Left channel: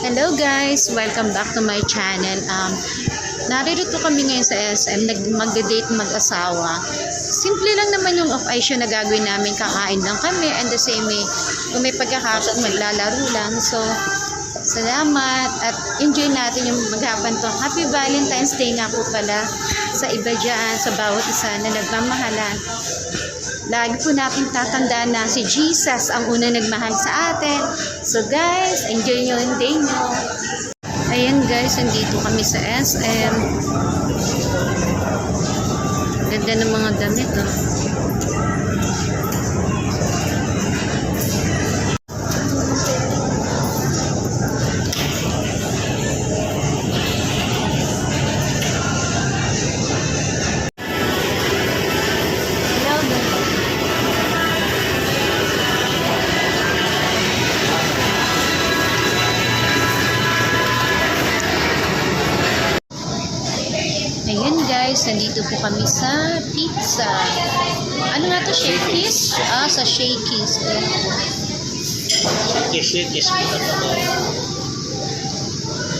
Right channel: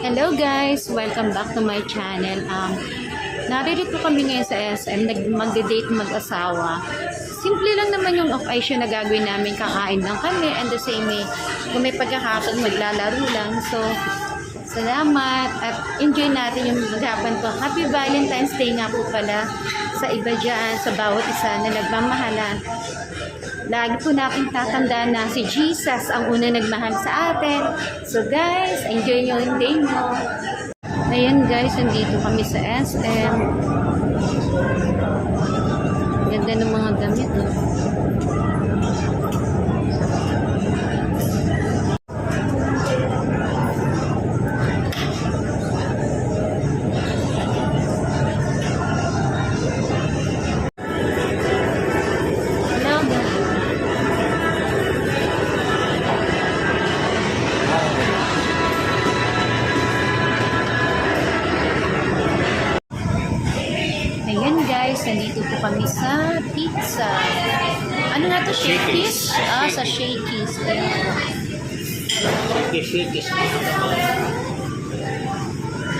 Hello guys! Welcome back to my channel. Naririto kami ngayon sa SM, magde-date mag-asawa. Simple lang naman yung occasion na gagawin namin, kakain lang kami, and the same way, kung may pagkakataon maglalaro lang. So, salamat at enjoy natin yung maghapon to. Happy Valentine's Day nga po pala sa iba dyan, sa bawat isa na nagmamahalan. Lagi po natin tatandaan na si Jesus ang una nagmahal sa atin. So guys, enjoy nyo yung day nyo. Ayan guys, nandito kami sa SM. Ganda ng mga damit oh. Ayan guys, nandito po kami sa pizza. Ano nga to? Shakey's? Sa Shakey's. Ayan po. Shakey's mo na naman.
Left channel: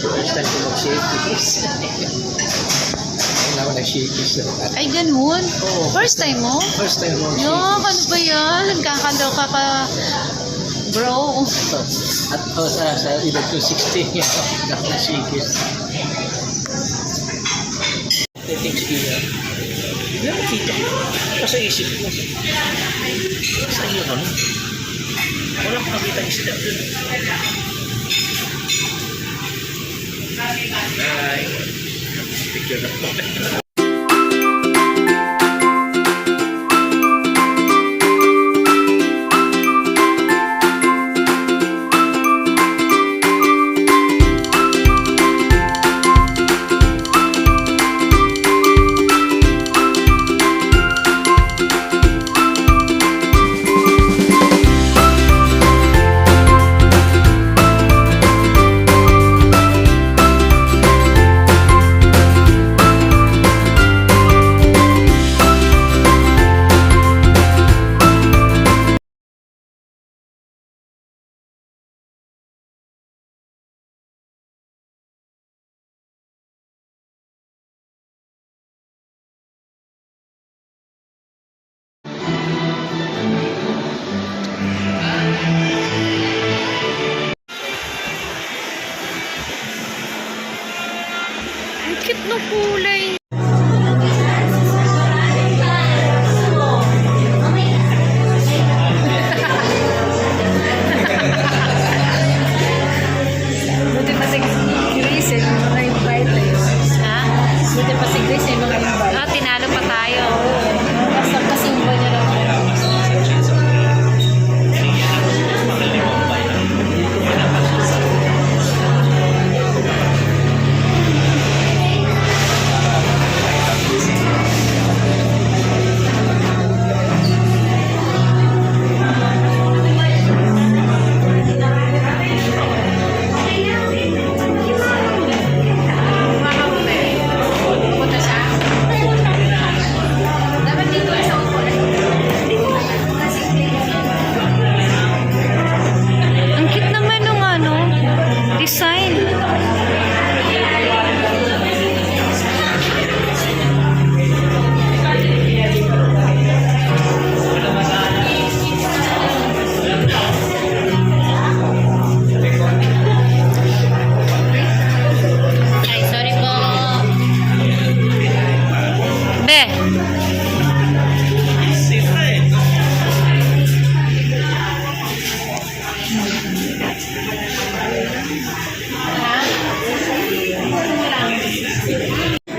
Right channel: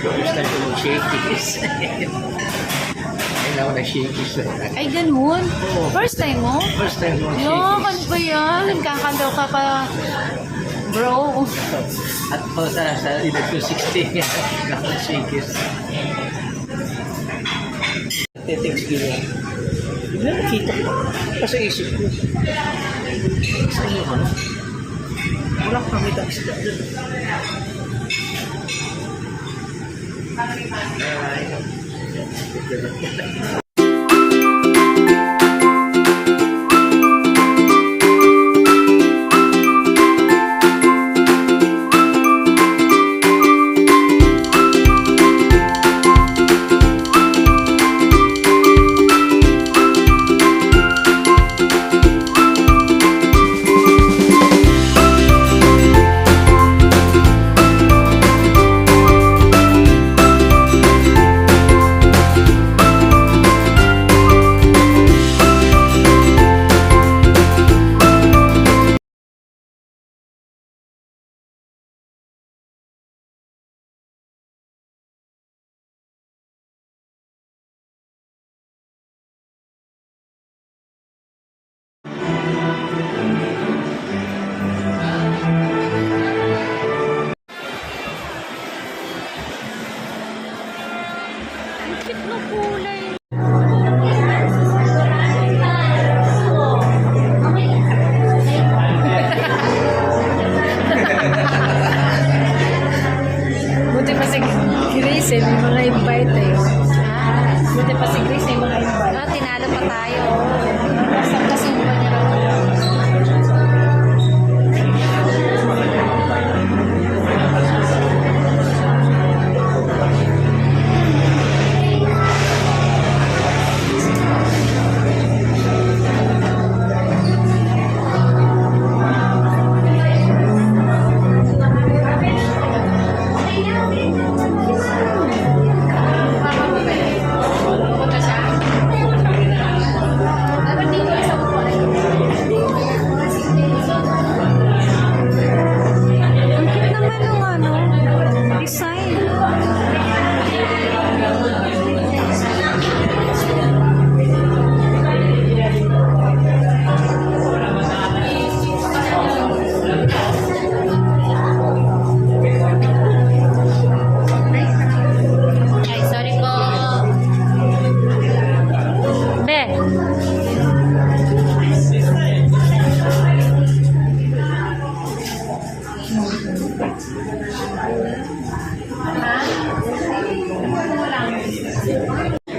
First time ko mag-Shakey's. Ayun ako nag-Shakey's. Ay, ganun? Oo. First time mo? First time ko Yo, ano ba yan? Kakaloka ka, bro. At sa edad ko 16 yan ako nag-Shakey's. Thanks you. Hindi na nakita ko. Sa isip ko. Sa iyo ka no? Wala ko makita isda doon. Ay. Picture na po. Ang cute ng kulay. Buti pa si Grace eh, mga invite eh. Ha? Buti pa si Grace eh, mga invite. Tinalo pa tayo. Basta pasumba niya naman. Ang cute naman nung design. Ay, sorry po. Be.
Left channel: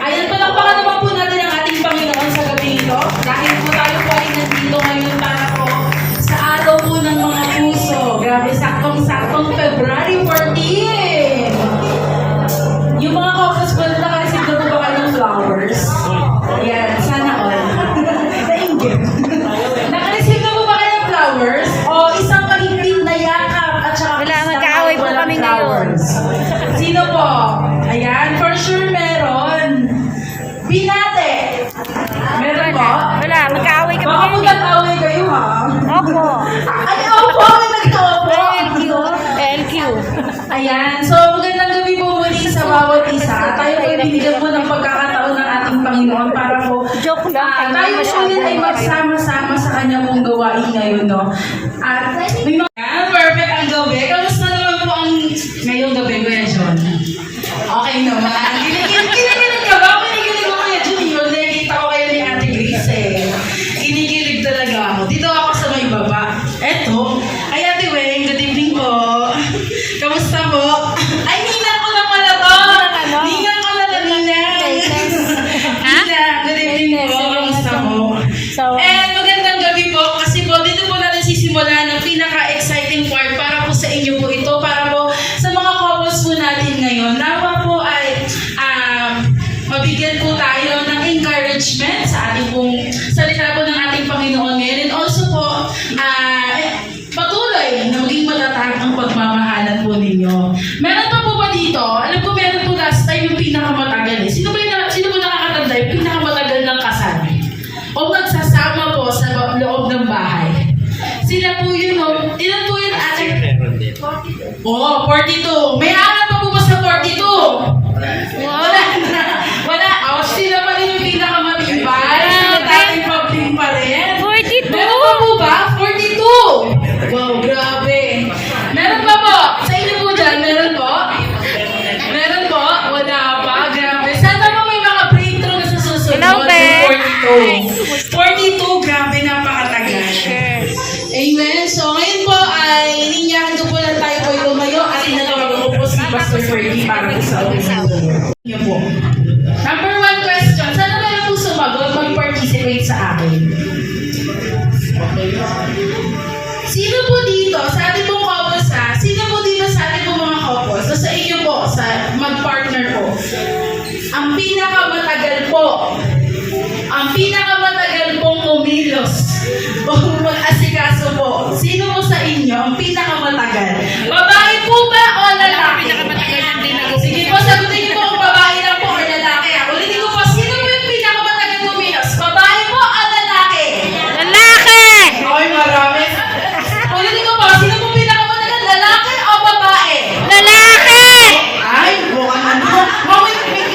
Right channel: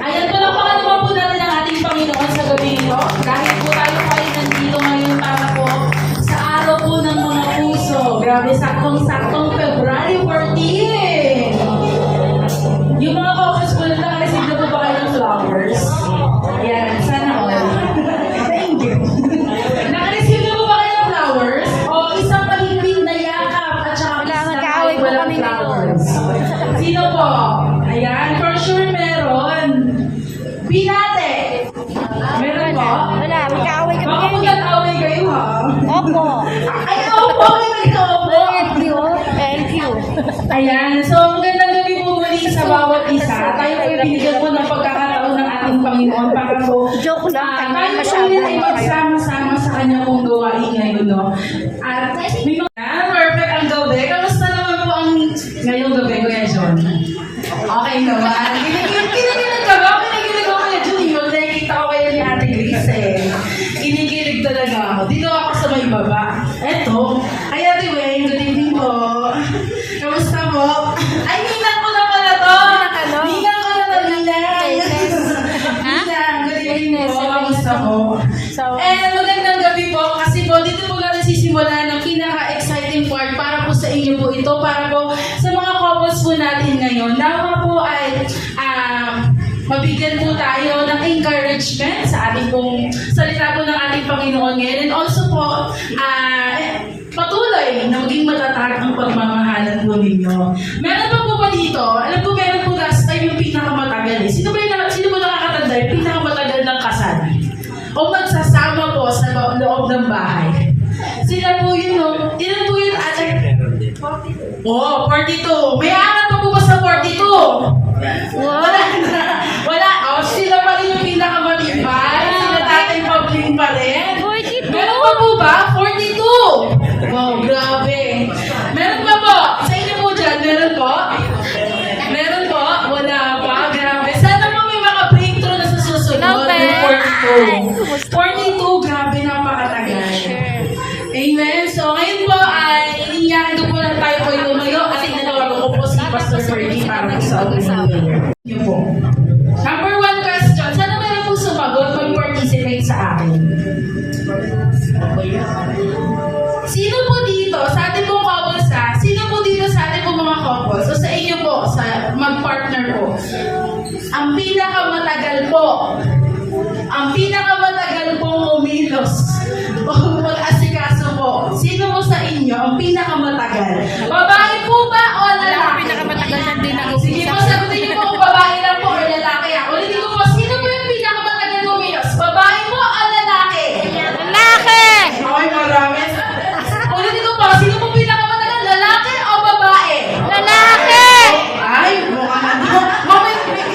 Ayan, palakpakan naman po natin ang ating Panginoon sa gabi nito. Dahil po tayo po ay nandito ngayon para po sa araw po ng mga puso. Grabe, saktong-saktong February 14. Yung mga couples po na nakareceive na po ba kayo ng flowers? Ayan, sana all. Thank you. Nakareceive na po ba kayo ng flowers? O isang mahigpit na yakap at saka Wala, isang magkaaway po walang kami ngayon. flowers. Sino po? Ayan, for sure meron. Binate. Meron po? Wala, magkaaway kami Baka po ngayon. nag-away kayo ha? Opo. Ay, opo! Ayan, so magandang gabi po muli sa bawat isa. Tayo po binigyan po ng pagkakataon ng ating Panginoon para po Joke lang, tayo po ulit ay magsama-sama sa kanya pong gawain ngayon, no? At may mga perfect ang gabi. Kamusta naman po ang ngayong gabi, Kuya John? Okay naman. Kinikilig ka ba? Kinikilig ako, Kuya John. Yung nakikita ko kayo ni Ate Grace eh. Kinikilig talaga ako. Dito ako sa may baba. Eto. Ay, Ate Weng, good evening po. Kamusta po? Ay, ninang ko na pala to. Ninang ko na to, ninang. Ninang, good evening po. Kamusta po? And magandang gabi po. Kasi po, dito po natin sisimulan ng pinaka-exciting part para po sa inyo po ito. Para po sa mga couples po natin ngayon. Nawa po ay mabigyan po tayo ng encouragement sa ating pong salita po ng ating Panginoon ngayon. And also po, patuloy na maging matatag ang pagmamahalan po ninyo. Meron pa po ba dito? Alam ko meron po last time yung pinakamatagal eh. Sino po nakakatanda yung pinakamatagal ng kasal? O nagsasama po sa loob ng bahay? Sila po yun, no? Ilan po yun ate? Meron din. Oh, 42. May angat pa po ba sa 42? Wala na. Wala. Oh, sila pa rin yung pinakamatibay. Sila dating public pa rin. 42? Meron pa po ba? 42. Wow, grabe. Meron pa po. Sa inyo po dyan, meron po? Meron po? Wala pa. Grabe. Sana po may mga breakthrough na sa susunod. Hello, Ben. 42. 42. Grabe, napakatagal. Amen. So, ngayon po ay ninyahan ko po lang tayo po yung tumayo at inatawagan ko po si Pastor Fergie para po sa ulang niyo po. Number 1 question. Sana meron po sumagot mag-participate sa akin? Sino po dito, sa ating pong couples ha? Sino po dito sa ating pong mga couples? So sa inyo po, sa mag-partner po. Ang pinakamatagal pong umilos o mag-asikaso po. Sino po sa inyo ang pinakamatagal? Babae po ba o lalaki? Sige po, sagutin niyo po kung babae lang po o lalaki. Ulitin ko po, sino po yung pinakamatagal umilos? Babae po o lalaki? Lalaki! Okay, marami. Ulitin ko po, sino po pinakamatagal? Lalaki o babae? Lalaki! Ay, mukhang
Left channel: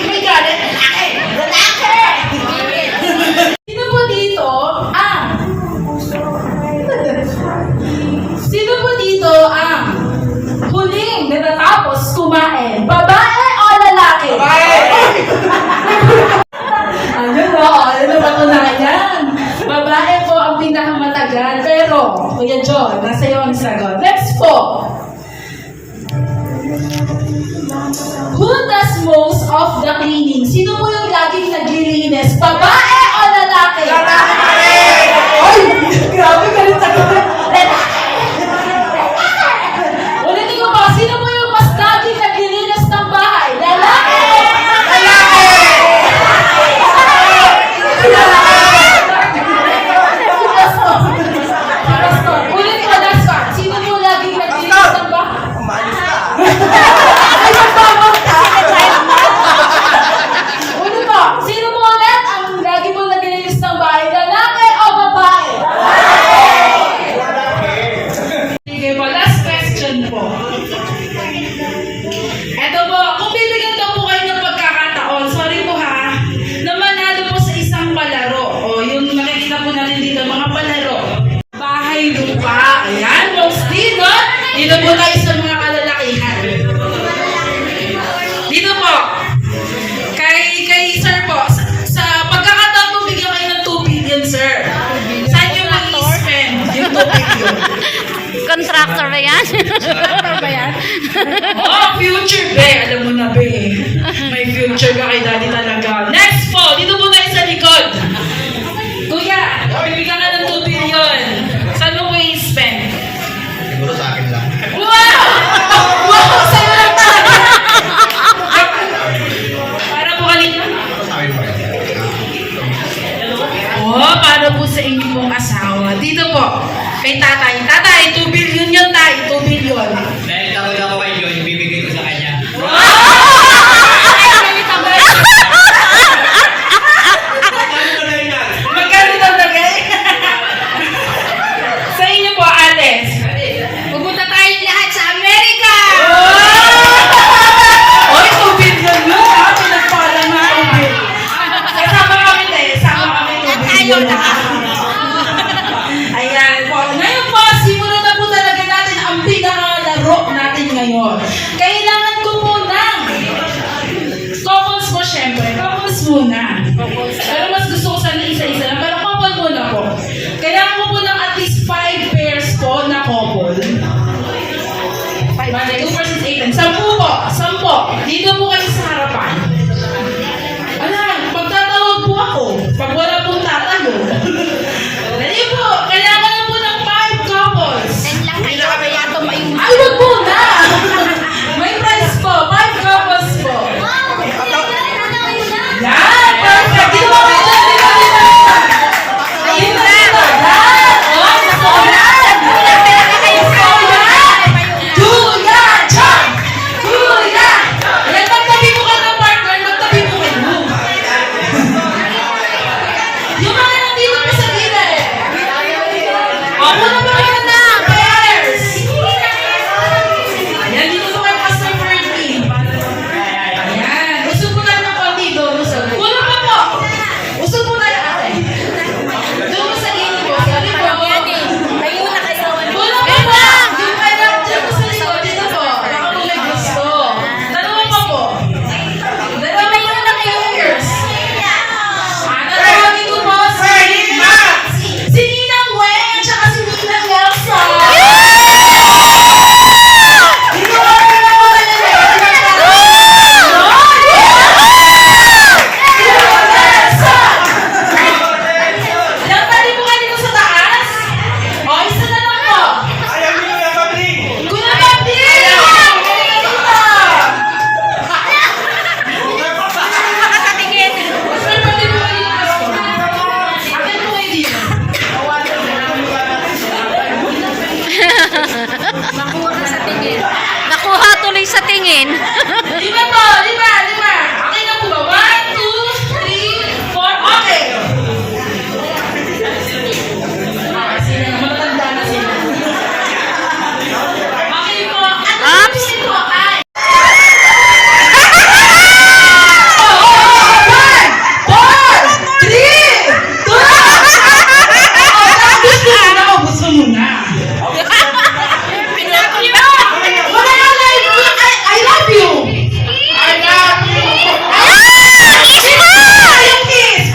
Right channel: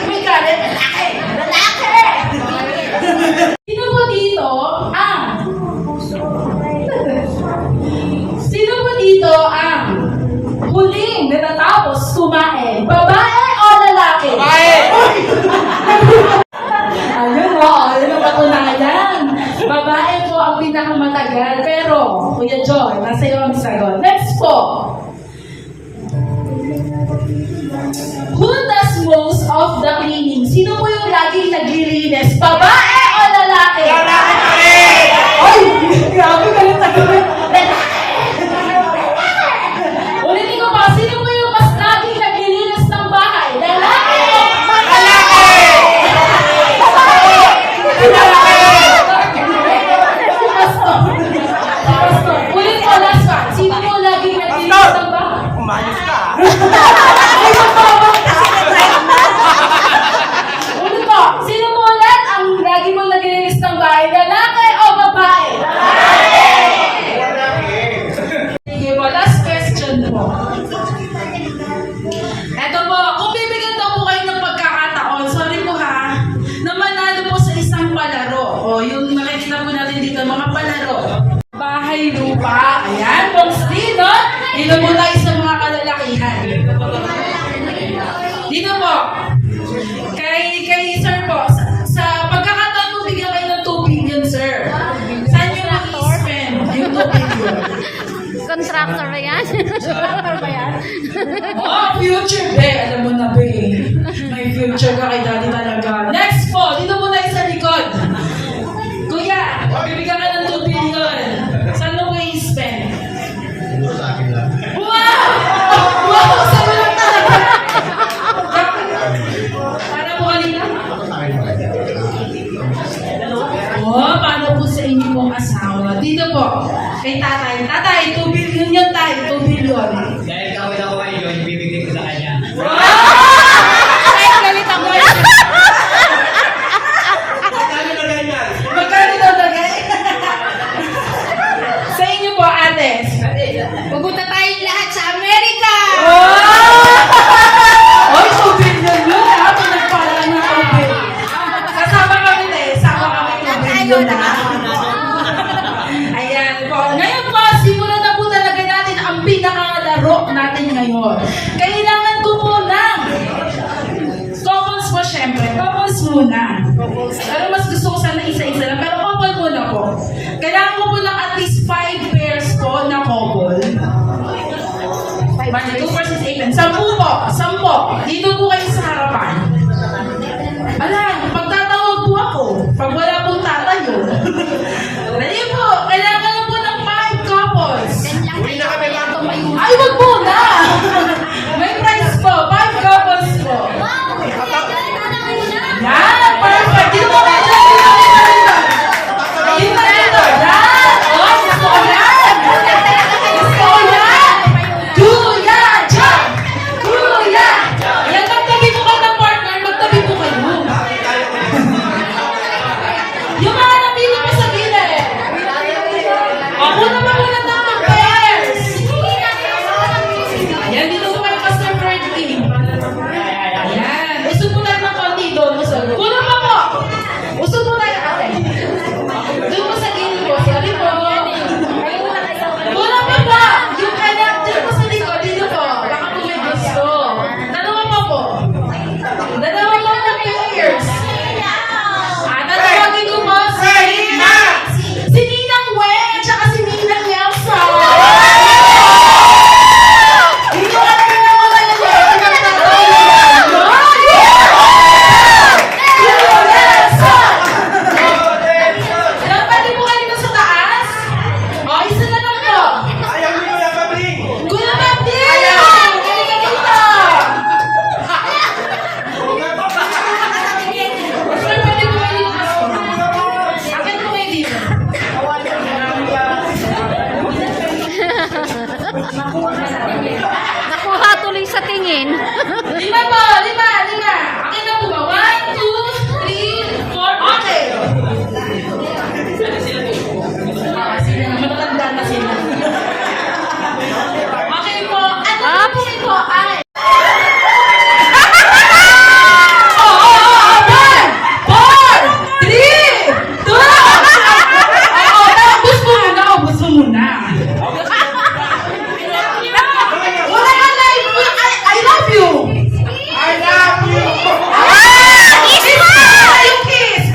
may galit. Lalaki! Sino po dito ang huling natatapos kumain? Babae o lalaki? Ayun na patunayan. Babae po ang pinakamatagal. Pero, Kuya John, nasa iyo ang sagot. Next po. Who does most of the cleaning? Sino po yung laging naglilinis? Babae o lalaki? Lalaki! Ay! Grabe, galit na galit. Lalaki! Ulitin ko pa, sino po yung mas laging naglilinis ng bahay? Lalaki! Lalaki! Pastor, ulit ko, last one. Sino po laging naglilinis ng bahay? Umayos ka. Ay, magpapang ulit po, sino po ulit ang lagi mo naglilinis ng bahay? Lalaki o babae? Sige po, last question po. Eto po, kung bibigyan daw po kayo ng pagkakataon, sorry po ha, na manalo po sa isang palaro. O yung nakikita po natin dito, mga palaro. Bahay lupa. Ayan, mostly, no? Dito po tayo sa mga kalalakihan. Dito po. Kay sir po, sa pagkakataon po bigyan kayo ng 2 billion, sir. Saan nyo mag-i-spend yung 2 billion? Contractor ba yan? Oo, future, be. Alam mo na, be. May future ka kay daddy talaga. Next po, dito po tayo sa likod. Kuya, bibigyan ka ng 2 billion. Saan mo po i-spend? Siguro sa akin lang. Wow! Wow! Saan mo lang talaga? Para po kanina? Sa akin pa rin. Oh, paano po sa inyo pong asawa? Dito po, kay tatay. Tatay, 2 billion yan tayo, 2 billion. Dahil tawag ako kay Joy, ibibigay ko sa kanya. Ay, galit ang galit. Makuha ka sa tingin. Nakuha tuloy sa tingin. 5 po, 5. Okay na po ba? 1, 2, 3, 4. Okay. Sila na, matatanda na sila. Okay po. Ups. Ito ay. Gusto mo na. I love you. I love you. Kiss.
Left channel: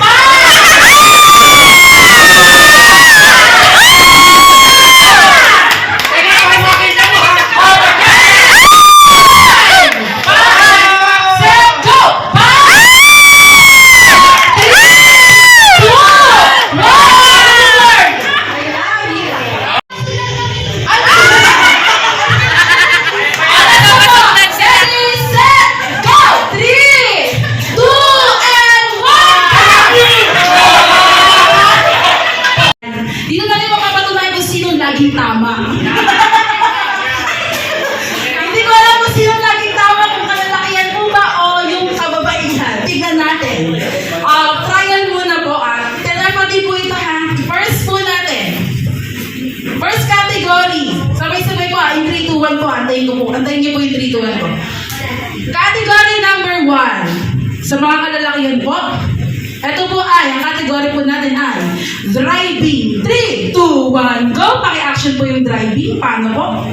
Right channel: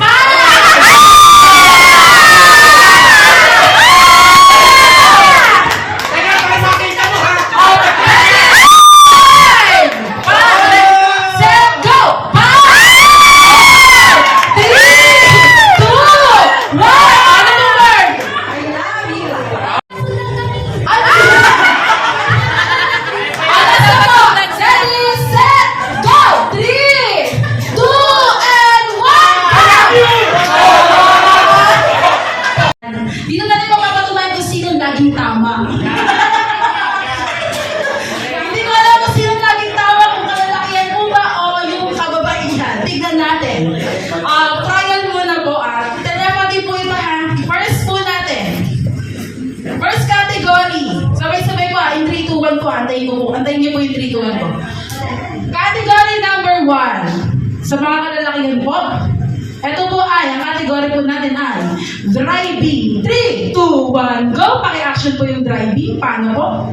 Dito na rin mapapatunayan kung sino laging tama. Hindi ko alam kung sino laging tama, kung kalalakihan po ba o yung kababaihan. Tignan natin. Trial muna po at telepathy po ito ha. First po natin. First category. Sabay-sabay po in 3, 2, 1 po. Antayin ko po. Antayin niyo po yung 3, 2, 1 po. Category number 1. Sa mga kalalakihan po. Ito po ay, ang category po natin ay driving. 3, 2, 1, go! Paki-action po yung driving. Paano po?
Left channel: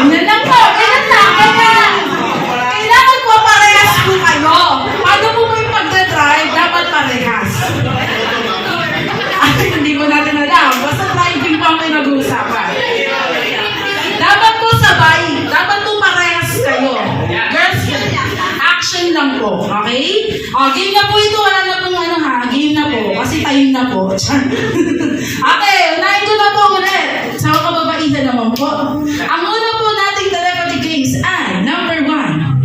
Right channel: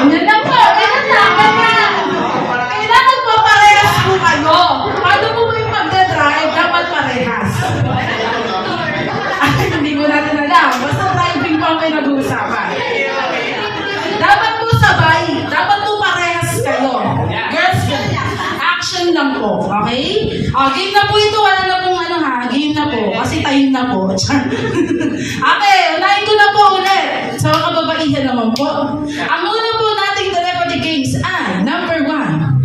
Ganyan lang po. Ganyan lang. Kailangan po parehas po kayo. Paano po ba yung pagdadrive? Dapat parehas. Ay, hindi mo natin alam. Basta driving po ang pinag-uusapan. Dapat po sabay. Dapat po parehas kayo. Girls, action lang po. Okay? Game na po ito. Wala na pong ano ha. Game na po. Kasi time na po. Okay, unahin ko na po ulit. Sa mga kababaihan naman po. Ang una po nating telepathy games ay number 1.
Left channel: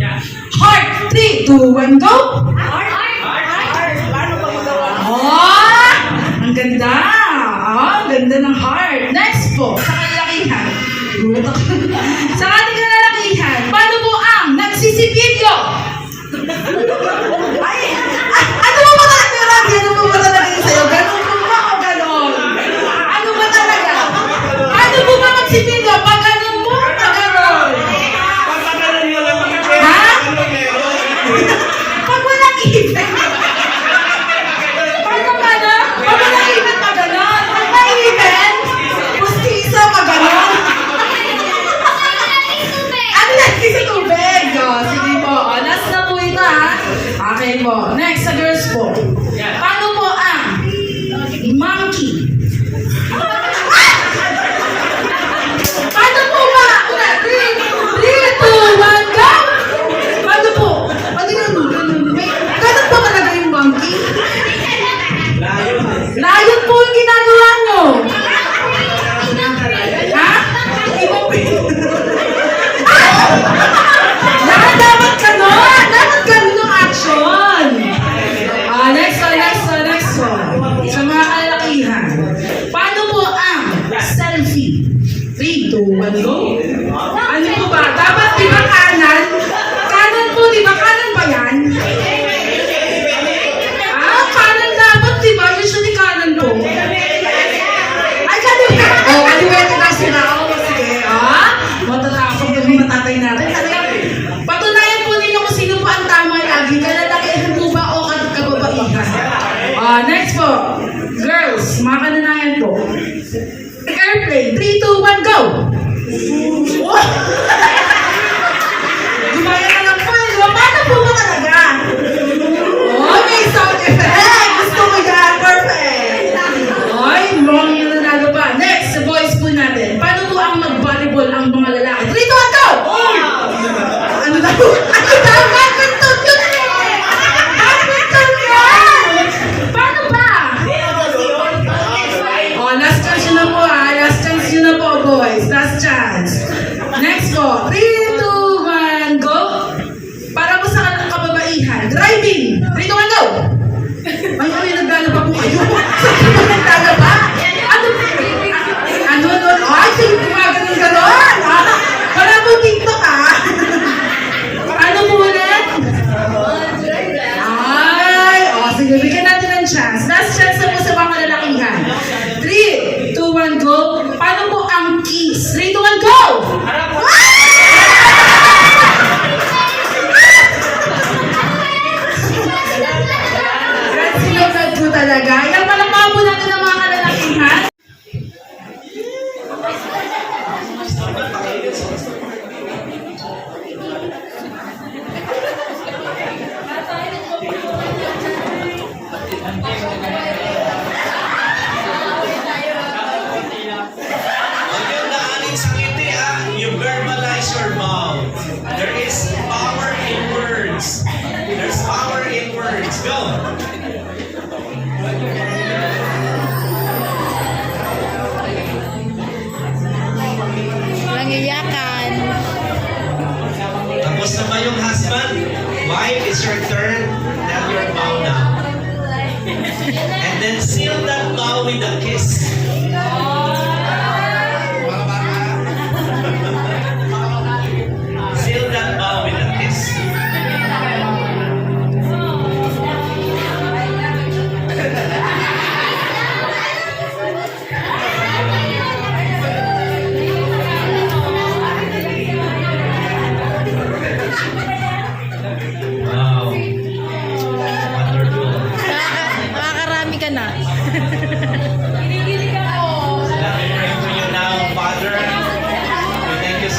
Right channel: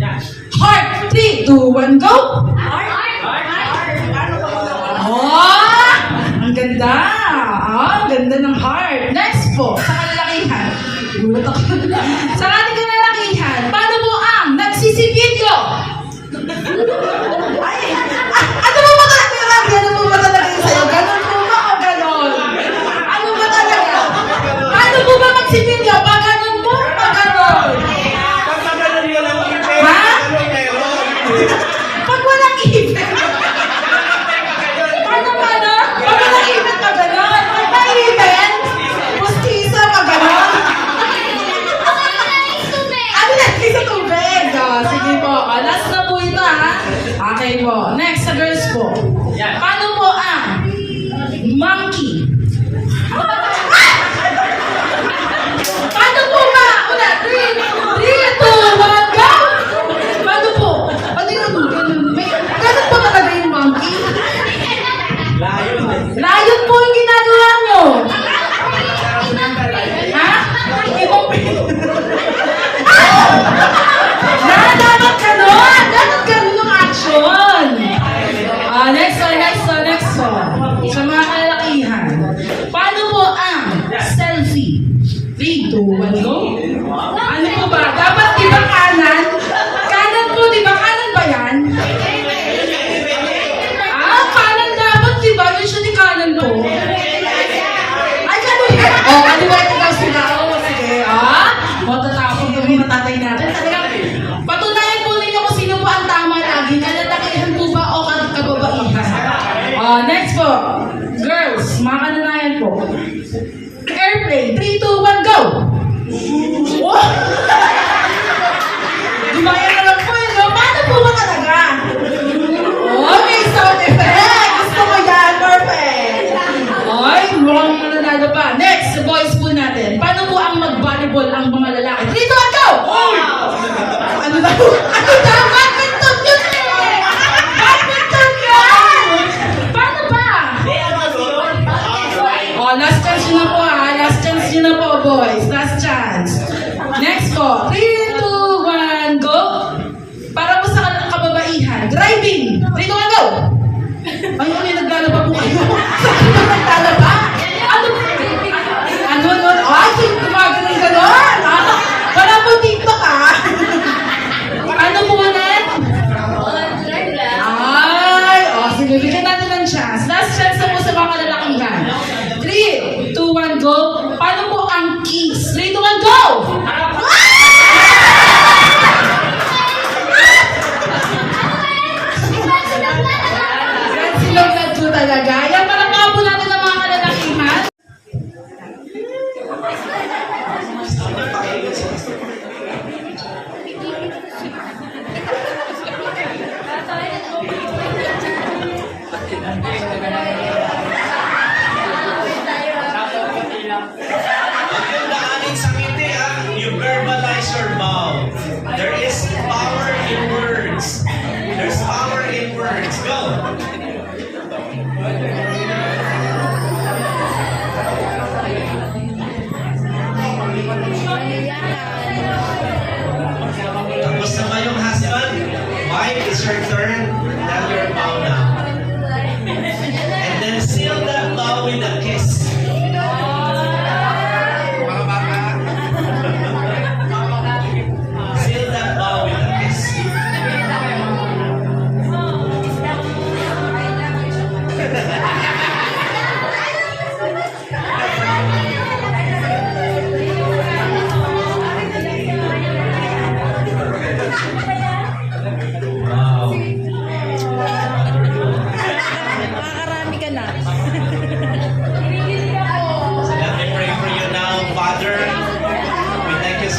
Heart. 3, 2, 1, go! Ang ganda. Ang ganda ng heart. Next po, sa kalalakihan. Gulat ako. Sa ating kalalakihan, paano po ang nagsisipidyo? Ano mo ba talaga? Ano mo ba talaga yung sa'yo? Ganon po ba o ganon? Ano ba talaga? Ano po ba magsipidyo? Pag ganon po o pag ganon? Ha? Pag walang ibig. Paano? Pag walang ibig pag ganon? Pag may ibig, pustiso pag ganon. Ano lagi sa tubig? Sige po. Last na po ito ha. Okay po. Next sa girls po. Paano po ang monkey? Paano po ba? 3, 2, 1, go! Paano po? Ganun ba talaga yung monkey? Layon po yung ginagawa nyo. Ha? Ibang dapat ganon! Dapat ganon ang action! Next one. Sa mga kalalakihan. Paano po ang selfie? 3, 2, 1, go! Ano po ba? Dapat di ba kanan? Kanan po, di ba? Kanan ba yan? Kanan dapat, di ba? Usually kanan po. Ay, kanan ka! Kaliwala ko daw sila. Sige, matatakot yung mga tatay natin. Patunayan po ninyo kung sino po ang tama lagi. Kalalakihan po ba o kababaihan? Next po. Girls, mga kananayan po. Airplane. 3, 2, 1, go! Gumaya na lang po no? Paano po ba talaga? May sound effect! Gusto ko yan! Perfect! Mukhang nanalo pa. Next, sa boys po natin. Paano po ang mag-volleyball ang mga lalaki? 3, 2, 1, go! Ano daw? Badminton yun eh! Badminton yun! Paano ba? Last chance yun na po Last chance yun na po, boys. Last chance. Next po. 3, 2, 1, go! Para po sa kababaihan. Driving! 3, 2, 1, go! May naglalaba po kayo. Sa naglalaba? Ano? Ay,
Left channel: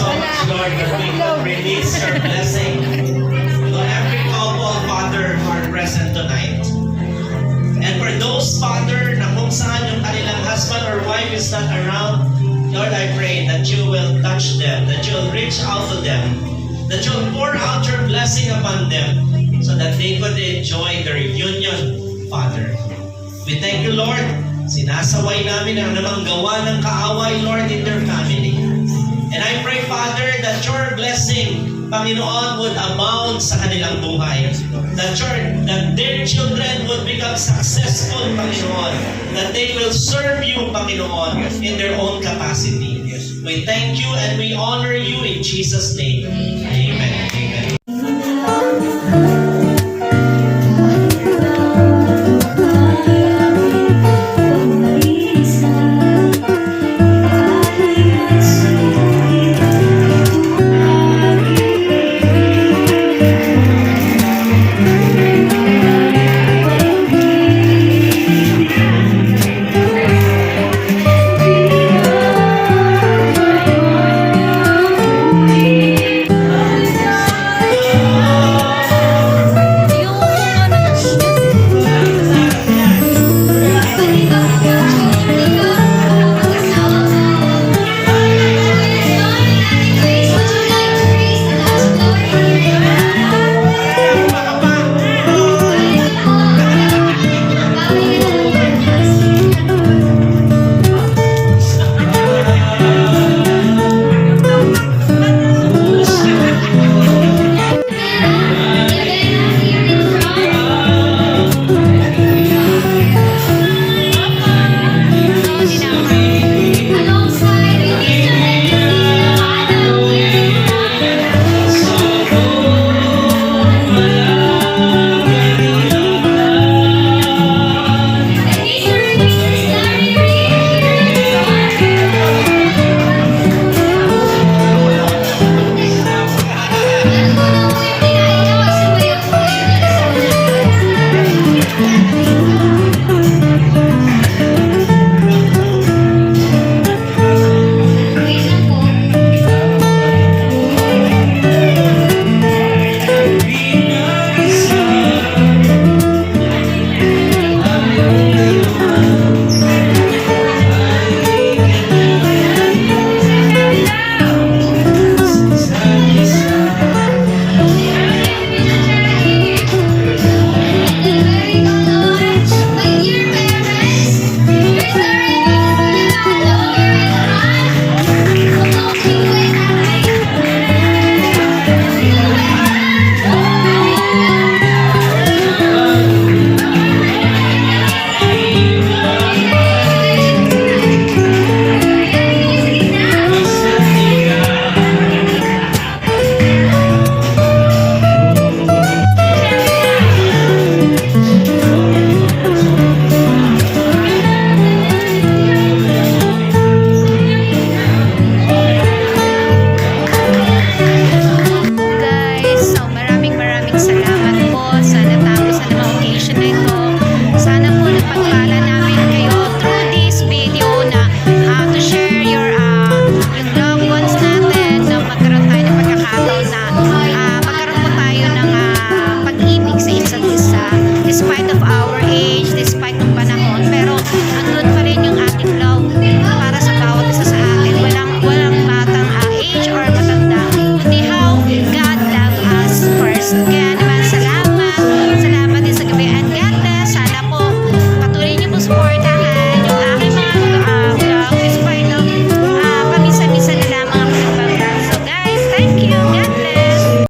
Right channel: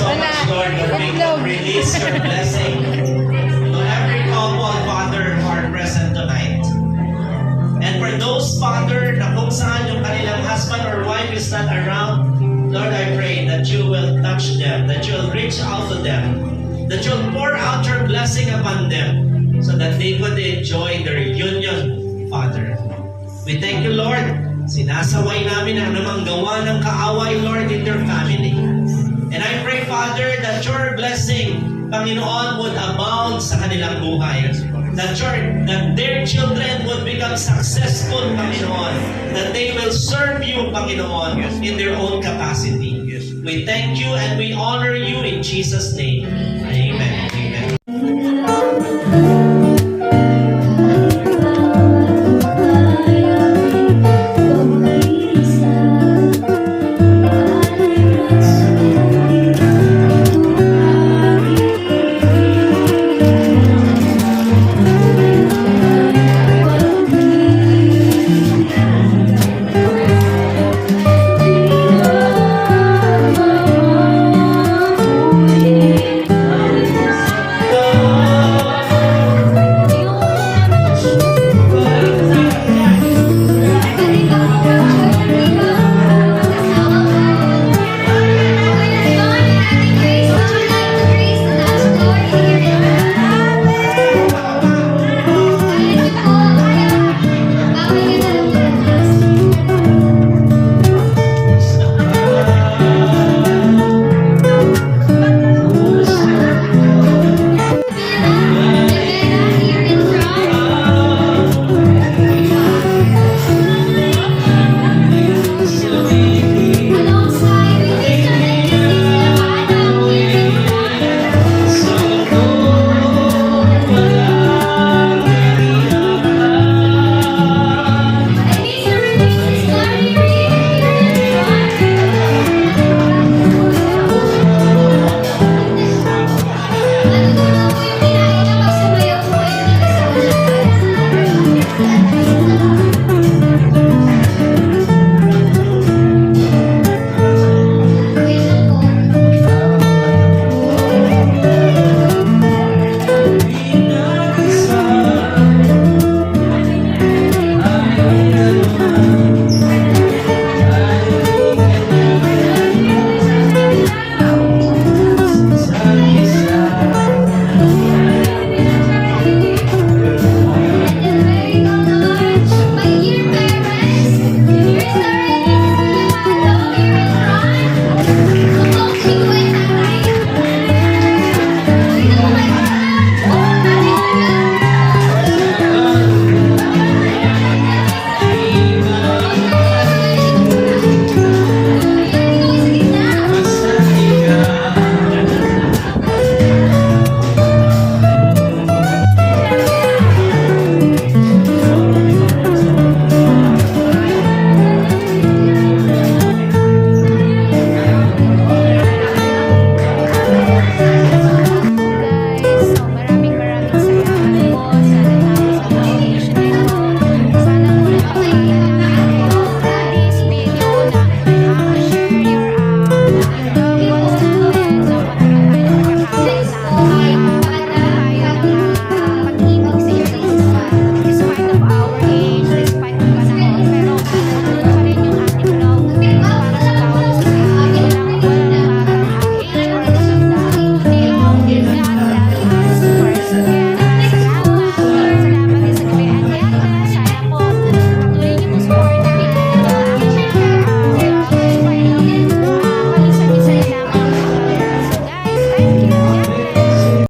so much, Lord, that we can release your blessing to every couple, Father, who are present tonight. And for those, Father, na kung saan yung kanilang husband or wife is not around, Lord, I pray that you will touch them, that you will reach out to them, that you will pour out your blessing upon them so that they could enjoy the reunion, Father. We thank you, Lord. Sinasaway namin ang namang gawa ng kaaway, Lord, in their family. And I pray, Father, that your blessing, Panginoon, would abound sa kanilang buhay. That their children would become successful, Panginoon. That they will serve you, Panginoon, in their own capacity. We thank you and we honor you in Jesus' name. Amen.